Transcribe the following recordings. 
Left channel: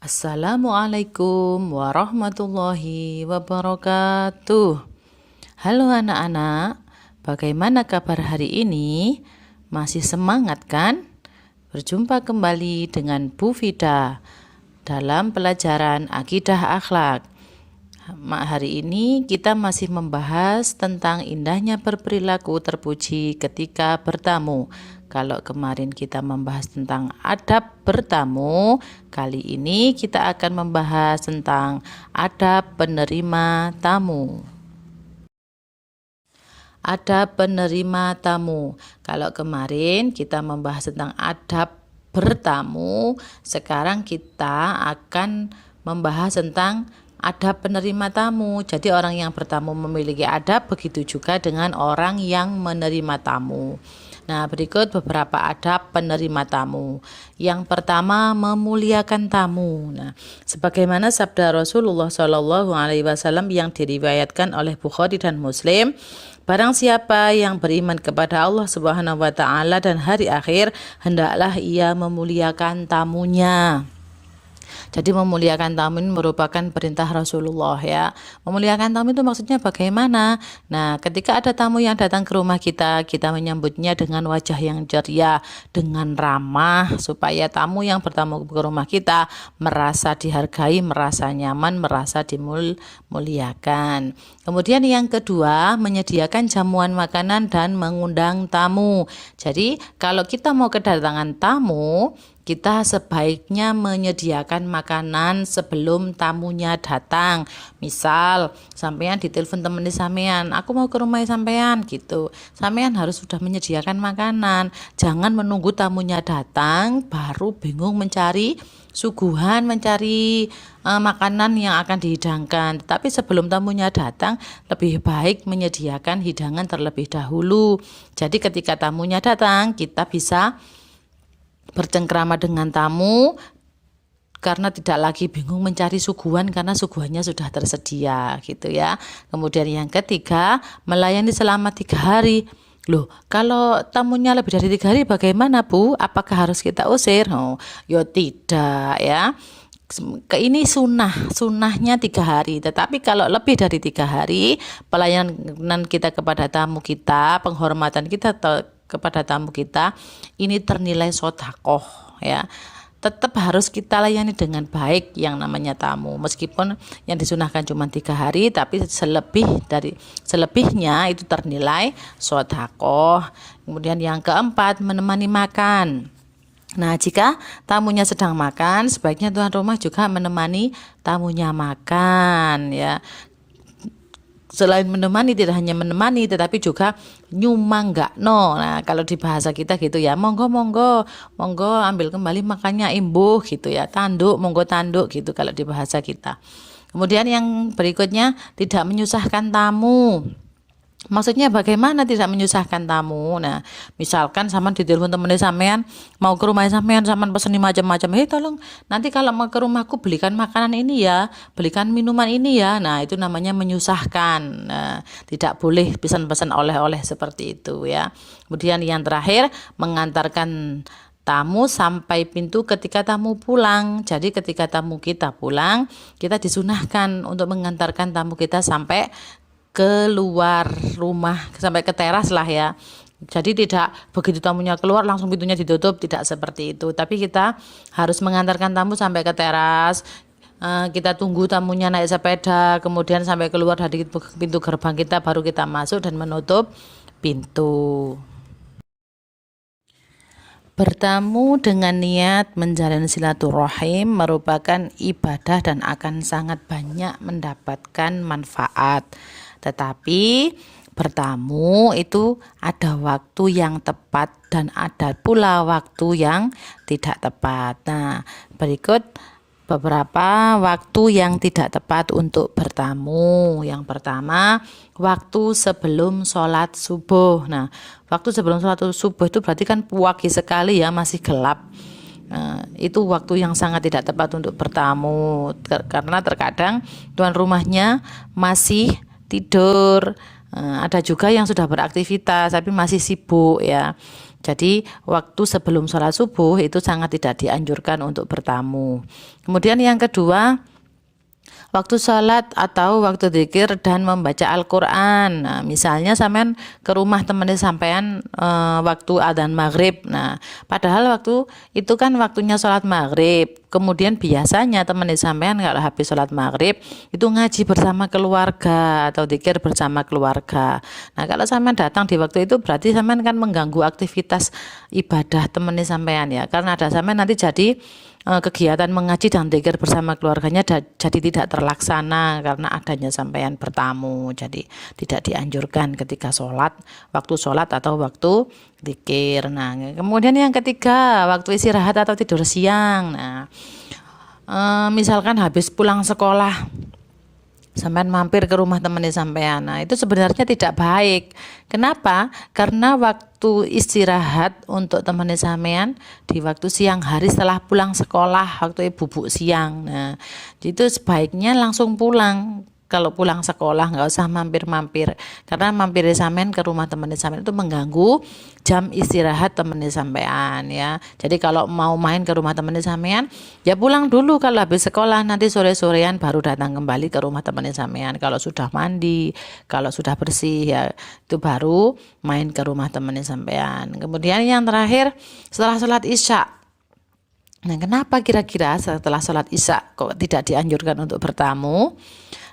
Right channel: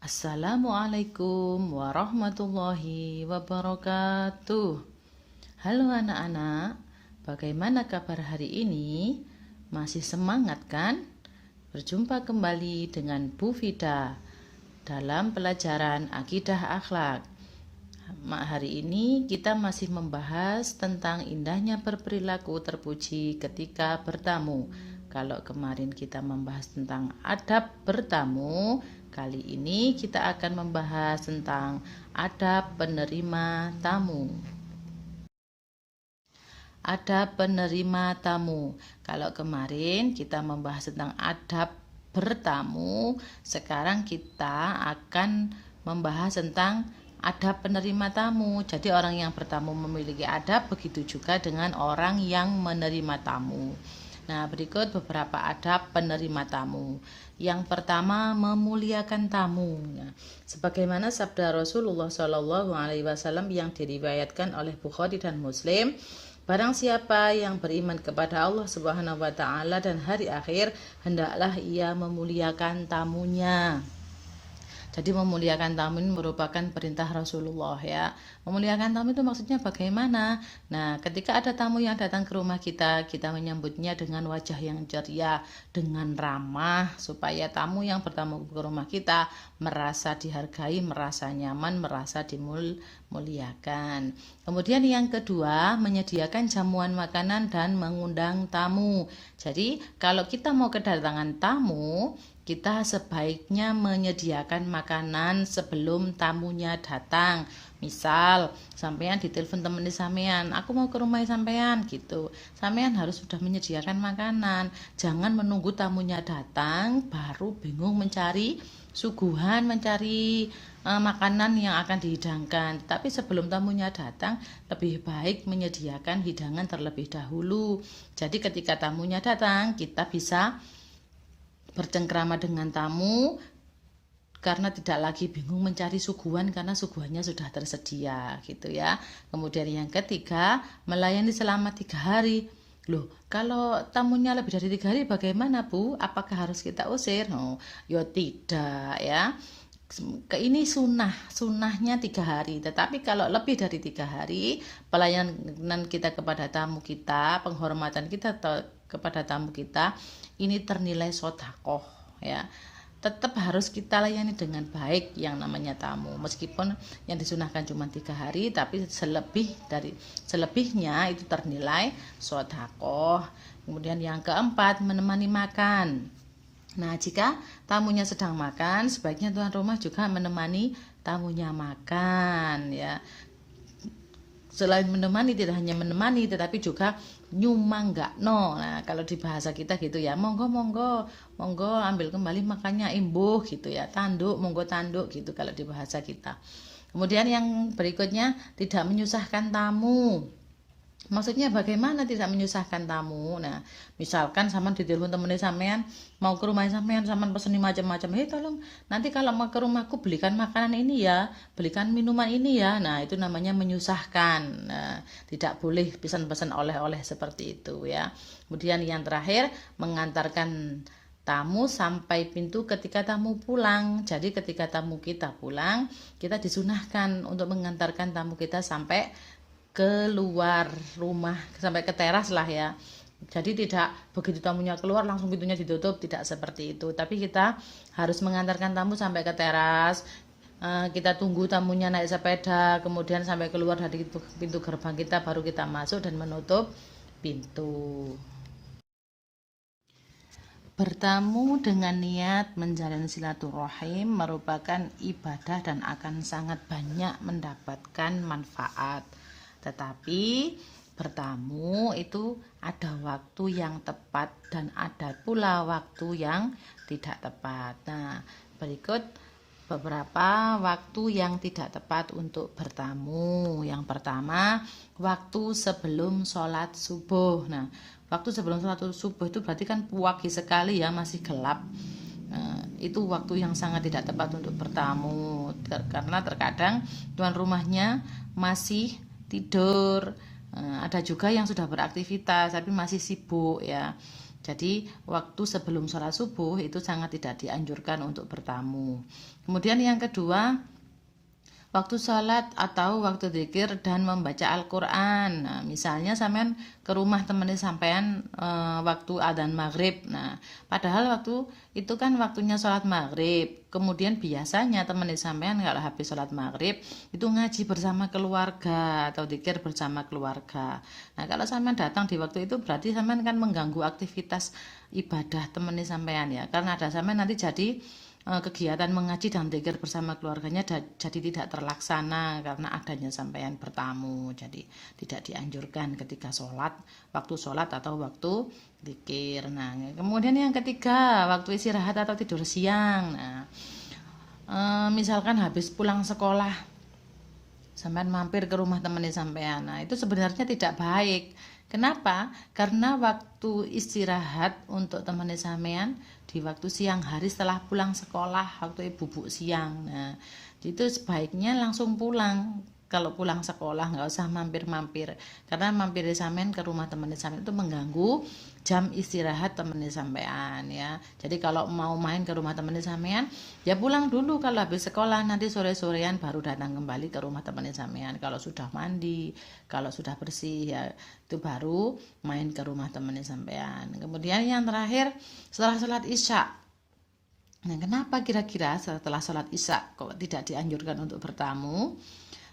Assalamualaikum warahmatullahi wabarakatuh. Halo anak-anak, bagaimana kabar hari ini? Masih semangat kan? Berjumpa kembali dengan Bu Fida dalam pelajaran Akidah Akhlak. Hari ini kita masih membahas tentang indahnya berperilaku terpuji ketika bertamu. Kalau kemarin kita membahas tentang adab bertamu, kali ini kita akan membahas tentang adab penerima tamu. Adab penerima tamu. Kalau kemarin kita membahas tentang adab bertamu, sekarang kita akan membahas tentang adab penerima tamu. Jadi orang yang bertamu memiliki adab, begitu juga dengan orang yang menerima tamu. Nah, berikut beberapa adab penerima tamu. Yang pertama, memuliakan tamu. Nah, sebagaimana sabda Rasulullah SAW yang diriwayatkan oleh Bukhari dan Muslim, barang siapa yang beriman kepada Allah Subhanahu wa taala dan hari akhir, hendaklah ia memuliakan tamunya. Jadi memuliakan tamu ini merupakan perintah Rasulullah ya. Memuliakan tamu itu maksudnya bagaimana? Nah, ketika ada tamu yang datang ke rumah kita, kita menyambutnya dengan wajah yang ceria, dengan ramah, supaya tamu yang bertamu ke rumah kita merasa dihargai, merasa nyaman, merasa dimuliakan. Kemudian yang kedua, menyediakan jamuan makanan dan mengundang tamu. Jadi kalau kita mau kedatangan tamu, kita sebaiknya menyediakan makanan sebelum tamunya datang. Misal, sampean ditelepon temen sampean, aku mau ke rumah sampean gitu. Sampean harus sudah menyediakan makanan. Jangan menunggu tamunya datang baru bingung mencari suguhan, mencari makanan yang akan dihidangkan. Tapi sebelum tamunya datang, lebih baik menyediakan hidangan terlebih dahulu. Jadi ketika tamunya datang, kita bisa bercengkrama dengan tamu karena tidak lagi bingung mencari suguhan karena suguhannya sudah tersedia gitu ya. Kemudian yang ketiga, melayani selama 3 hari. Loh, kalau tamunya lebih dari 3 hari bagaimana Bu? Apakah harus kita usir? Oh, ya tidak ya. Ini sunnahnya 3 hari. Tetapi kalau lebih dari 3 hari, pelayanan kita kepada tamu kita, penghormatan kita kepada tamu kita ini ternilai sodakoh ya. Tetap harus kita layani dengan baik yang namanya tamu, meskipun yang disunahkan cuma 3 hari, tapi selebihnya itu ternilai sodakoh. Kemudian yang keempat, menemani makan. Nah, jika tamunya sedang makan, sebaiknya tuan rumah juga menemani tamunya makan ya. Selain menemani, tidak hanya menemani tetapi juga nyumanggakno. Nah, kalau di bahasa kita gitu ya, monggo ambil kembali makannya imbuh gitu ya, tanduk monggo tanduk gitu kalau di bahasa kita. Kemudian yang berikutnya, tidak menyusahkan tamu. Maksudnya bagaimana tidak menyusahkan tamu? Nah, misalkan sampean ditelepon temen sampean mau ke rumah sampean pesen macam-macam. Hei tolong nanti kalau mau ke rumahku belikan makanan ini ya, belikan minuman ini ya. Nah, itu namanya menyusahkan. Nah, tidak boleh pesan-pesan oleh-oleh seperti itu ya. Kemudian yang terakhir, mengantarkan tamu sampai pintu ketika tamu pulang. Jadi ketika tamu kita pulang, kita disunahkan untuk mengantarkan tamu kita sampai keluar rumah, sampai ke teras lah ya. Jadi tidak begitu tamunya keluar langsung pintunya ditutup, tidak seperti itu. Tapi kita harus mengantarkan tamu sampai ke teras. Kita tunggu tamunya naik sepeda, kemudian sampai keluar dari pintu gerbang kita, baru kita masuk dan menutup pintu. Bertamu dengan niat menjalin silaturahim merupakan ibadah dan akan sangat banyak mendapatkan manfaat. Tetapi bertamu itu ada waktu yang tepat dan ada pula waktu yang tidak tepat. Nah, berikut beberapa waktu yang tidak tepat untuk bertamu. Yang pertama, waktu sebelum sholat subuh. Nah, waktu sebelum sholat subuh itu berarti kan pagi sekali ya, masih gelap. Itu waktu yang sangat tidak tepat untuk bertamu karena terkadang tuan rumahnya masih tidur. Ada juga yang sudah beraktivitas tapi masih sibuk ya. Jadi waktu sebelum sholat subuh itu sangat tidak dianjurkan untuk bertamu. Kemudian yang kedua, waktu sholat atau waktu dzikir dan membaca Al-Quran. Nah, misalnya sampean ke rumah temennya sampean waktu adzan maghrib. Nah, padahal waktu itu kan waktunya sholat maghrib. Kemudian biasanya temennya sampean kalau habis sholat maghrib itu ngaji bersama keluarga atau dzikir bersama keluarga. Nah, kalau sampean datang di waktu itu berarti sampean kan mengganggu aktivitas ibadah temennya sampean ya. Karena ada sampean nanti jadi kegiatan mengaji dan dzikir bersama keluarganya jadi tidak terlaksana karena adanya sampean bertamu. Jadi tidak dianjurkan ketika waktu sholat atau waktu dzikir. Nah, kemudian yang ketiga, waktu istirahat atau tidur siang. Nah, misalkan habis pulang sekolah sampean mampir ke rumah temannya sampean. Nah, itu sebenarnya tidak baik. Kenapa? Karena waktu istirahat untuk temannya sampean di waktu siang hari setelah pulang sekolah, waktu bubuk siang. Nah, itu sebaiknya langsung pulang. Kalau pulang sekolah nggak usah mampir-mampir, karena mampir sampean ke rumah temannya sampean itu mengganggu jam istirahat temannya sampean ya. Jadi kalau mau main ke rumah temannya sampean ya pulang dulu, kalau habis sekolah nanti sore-sorean baru datang kembali ke rumah temannya sampean. Kalau sudah mandi, kalau sudah bersih ya itu baru main ke rumah temannya sampean. Kemudian yang terakhir, setelah sholat isya. Nah, kenapa kira-kira setelah sholat isya kok tidak dianjurkan untuk bertamu?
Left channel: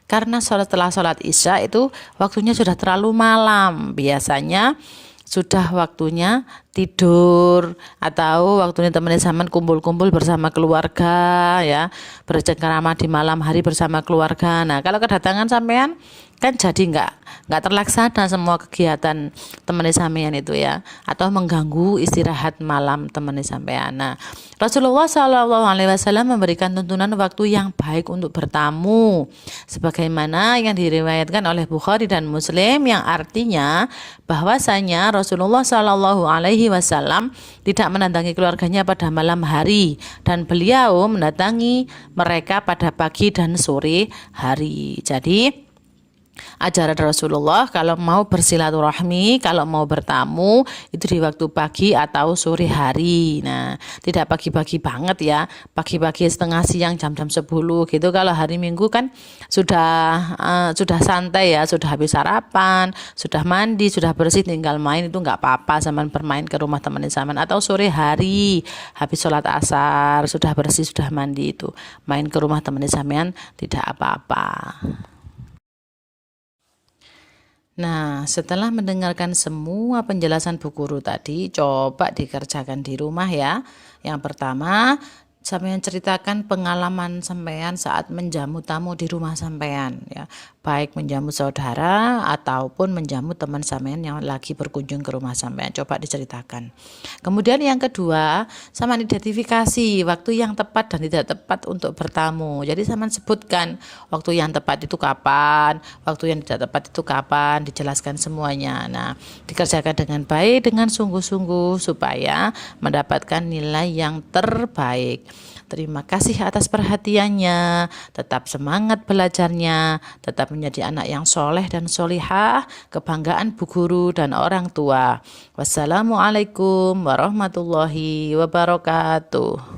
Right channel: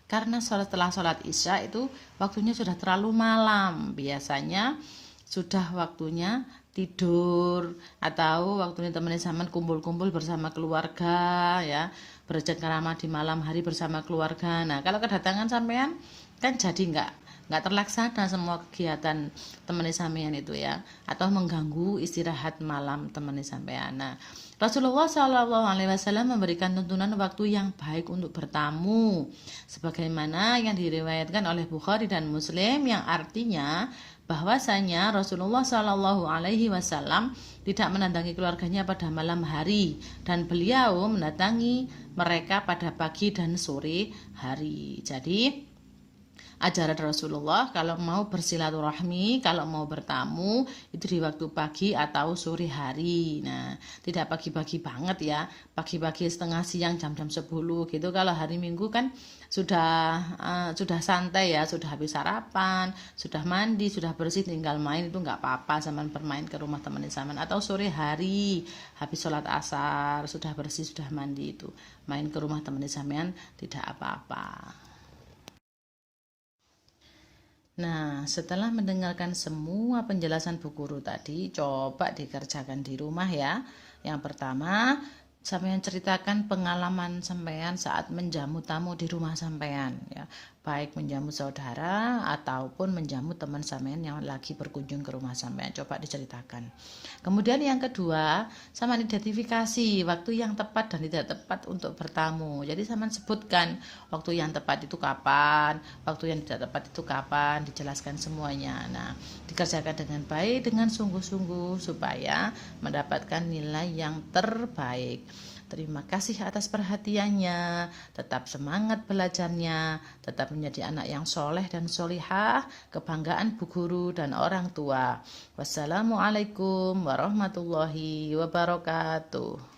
Karena setelah sholat isya itu waktunya sudah terlalu malam. Biasanya sudah waktunya tidur atau waktunya teman sampean kumpul-kumpul bersama keluarga ya, bercengkrama di malam hari bersama keluarga. Nah, kalau kedatangan sampean kan jadi nggak terlaksana semua kegiatan teman sampean itu ya, atau mengganggu istirahat malam teman sampean. Nah, Rasulullah SAW memberikan tuntunan waktu yang baik untuk bertamu sebagaimana yang diriwayatkan oleh Bukhari dan Muslim, yang artinya bahwasanya Rasulullah SAW tidak mendatangi keluarganya pada malam hari dan beliau mendatangi mereka pada pagi dan sore hari. Jadi ajaran Rasulullah kalau mau bersilaturahmi, kalau mau bertamu itu di waktu pagi atau sore hari. Nah, tidak pagi-pagi banget ya, pagi-pagi setengah siang jam-jam 10 gitu. Kalau hari Minggu kan sudah santai ya, sudah habis sarapan, sudah mandi, sudah bersih, tinggal main, itu nggak apa-apa sampean bermain ke rumah teman sampean. Atau sore hari habis sholat asar, sudah bersih, sudah mandi, itu main ke rumah teman sampean tidak apa-apa. Nah, setelah mendengarkan semua penjelasan Bu Guru tadi, coba dikerjakan di rumah ya. Yang pertama, sampean ceritakan pengalaman sampean saat menjamu tamu di rumah sampean ya. Baik menjamu saudara ataupun menjamu teman sampean yang lagi berkunjung ke rumah sampean. Coba diceritakan. Kemudian yang kedua, sampean identifikasi waktu yang tepat dan tidak tepat untuk bertamu. Jadi sampean sebutkan waktu yang tepat itu kapan, waktu yang tidak tepat itu kapan, dijelaskan semuanya. Nah, dikerjakan dengan baik, dengan sungguh-sungguh supaya mendapatkan nilai yang terbaik. Terima kasih atas perhatiannya, tetap semangat belajarnya, tetap menjadi anak yang soleh dan solihah, kebanggaan Bu Guru dan orang tua. Wassalamualaikum warahmatullahi wabarakatuh.